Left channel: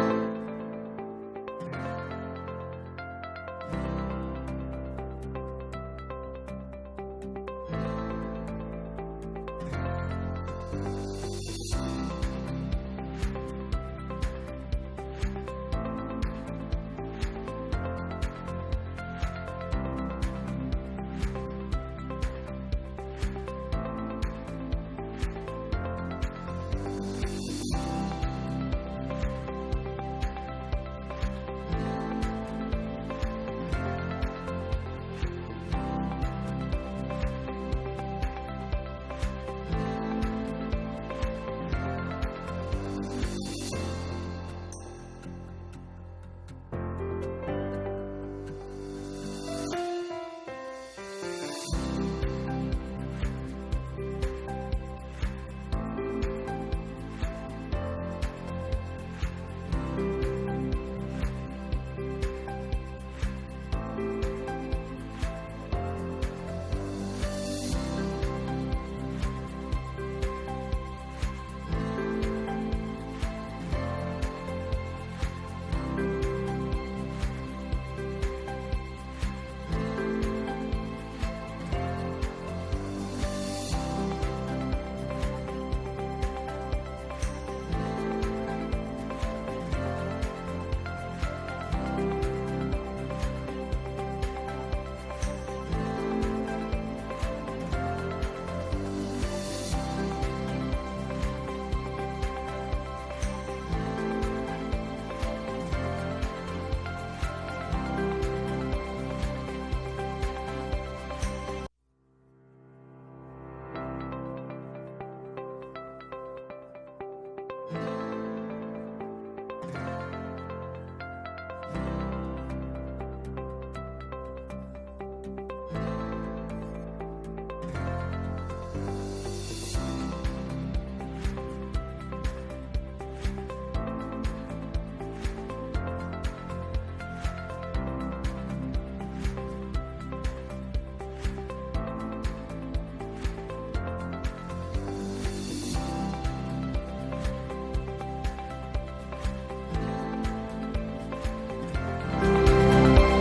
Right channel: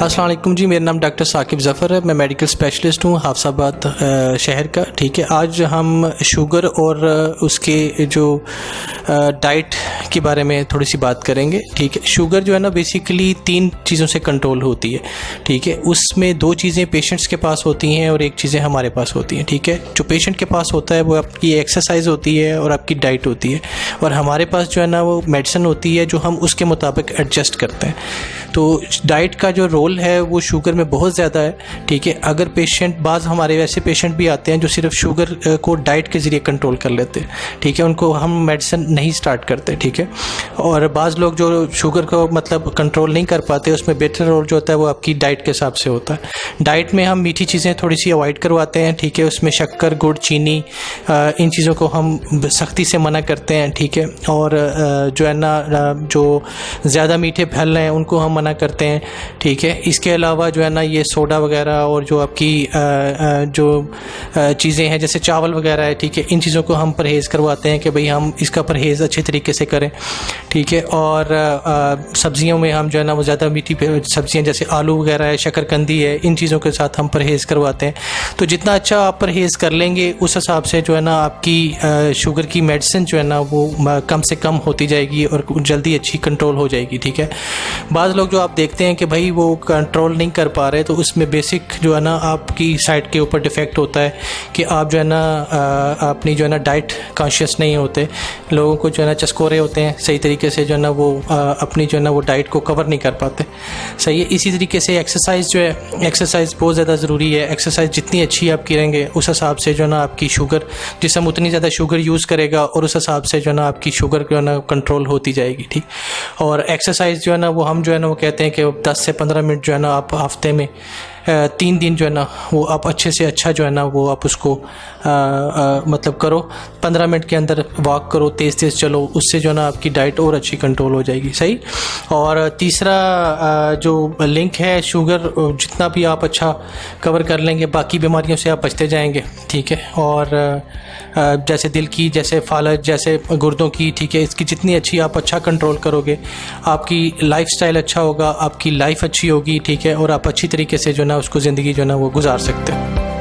अस्सलाम वालेकुम जी, मेरा नाम डॉक्टर साकिब ज़फ़र है। मैं मेडिकल स्पेशलिस्ट हूँ हाफसाबाद शहर का। ठीक है, आज हम शुगर और उसके जो डाइट के बारे में थोड़ी सी बात करेंगे। ठीक है, शुगर जो है ना बेसिकली 3 चीज़ों से कंट्रोल होती है। ठीक है, उसमें 2 चीज़ें पेशेंट्स के पास होती हैं और 1 चीज़ें हमारे पास होती हैं। ठीक है, जो पेशेंट के पास होता है वो आपकी एक्सरसाइज होती है और आपकी डाइट होती है, और हमारे पास जो है ना वो मेडिसिन होती है जो हम उसके मुताबिक एडजस्ट करते हैं। तो डाइट का जो रोल है वो शुगर में बहुत ज़्यादा है। ठीक है, अगर पेशेंट, बाज़ हमारे वैसे पेशेंट भी आते हैं जो सिर्फ शुगर को डाइट के ज़रिए कंट्रोल कर लेते हैं। ठीक है, उनको हम मेडिसिन नहीं स्टार्ट करते। ठीक है, और बाज़ लोग जो शुगर को मतलब कंट्रोल नहीं कर पाते, उसमें बेहतर रोल जो होता है वो आपकी डाइट के हिसाब से होता है। डाइट में हम मीठी चीज़ें थोड़ी सी अवॉइड करवाते हैं। ठीक है, उसमें शक्कर, गुड़, चीनी, इन चीज़ों को हम सख्ती से मना करते हैं। ठीक है, और जो है ना जो ज़्यादा मीठे फल हैं उनको हम मना करते हैं। ठीक है, इसके अलावा जो है ना ये सोडा वगैरह और जो आपकी जो चीज़ें हैं जैसे चावल वगैरह है, ठीक है, इन चीज़ों को हम परहेज़ करवाते हैं कि भाई हम इसका परहेज़ अच्छे तरीके से करें। ठीक है, और सब्ज़ियों में हम जो है ना वो ज़्यादा मीठी सब्ज़ियाँ जैसे आलू वगैरह है, शकरकंदी है, इन चीज़ों के साथ हम परहेज़ करवाते हैं। तो जितना अच्छा आप परहेज़ कर लेंगे उस हिसाब से जो है ना आपकी शुगर की मेडिसिन जो है ना वो कम से कम होती जाएगी और जल्दी अच्छी कंट्रोल हो जाएगी। ठीक है, बाज़ लोग जो आप देखते हैं कि भाई वो कंट्रोल नहीं कर पा रहे, तो उसमें बेसिक जो है ना आपकी साइड के ऊपर डिफेक्ट होता है कि आप जो है ना अपनी जो है ना डाइट कॉन्शियस नहीं होते। लोगों को जो है ना चस्कोरे होते हैं, सही तरीके से जो है ना वो अपनी जो है ना वो डाइट को कवर नहीं कर पाते। सही है, इसी तरीके से एक्सरसाइज जो है, एक्सरसाइज बहुत ज़्यादा ज़रूरी है। एक्सरसाइज जितनी अच्छी आप करेंगे उस हिसाब से जो है ना आपकी शुगर, जिसम उतनी ज़्यादा शुगर यूज़ करेगा और उस हिसाब से जो है ना आपकी शुगर जो है ना कंट्रोल होती जाएगी। ठीक, और एक्सरसाइज जो है ना वो हम जो है ना वो कहते हैं कि 10 से 15 मिनट जो है ना आप हफ्ते में 3 दिन जो है ना वो आप अच्छे से अच्छा जो है ना वो आप उसको मतलब करो। 15 मिनट के अंदर वॉक करो, तेज़ तेज़ चलो, उससे जो है ना आपकी डाइट और अच्छी कंट्रोल हो जाएगी। सही, और तीसरा जो लिंक है, शुगर जितना भी आप अच्छा कवर कर लेंगे बाकी बीमारियों से आप बचते जाएंगे। ठीक है, और जैसे दिल की, जैसे फालज, जैसे गुर्दों की, ठीक है, इसकी जितनी अच्छी आप अच्छा कंट्रोल करोगे आपकी लाइफस्टाइल अच्छा होगा, आपकी लाइफ अच्छी होगी। ठीक है, और आप अच्छी तरीके से जो ना उसको ज़िंदगी जो ना वो गुजार सकते हैं।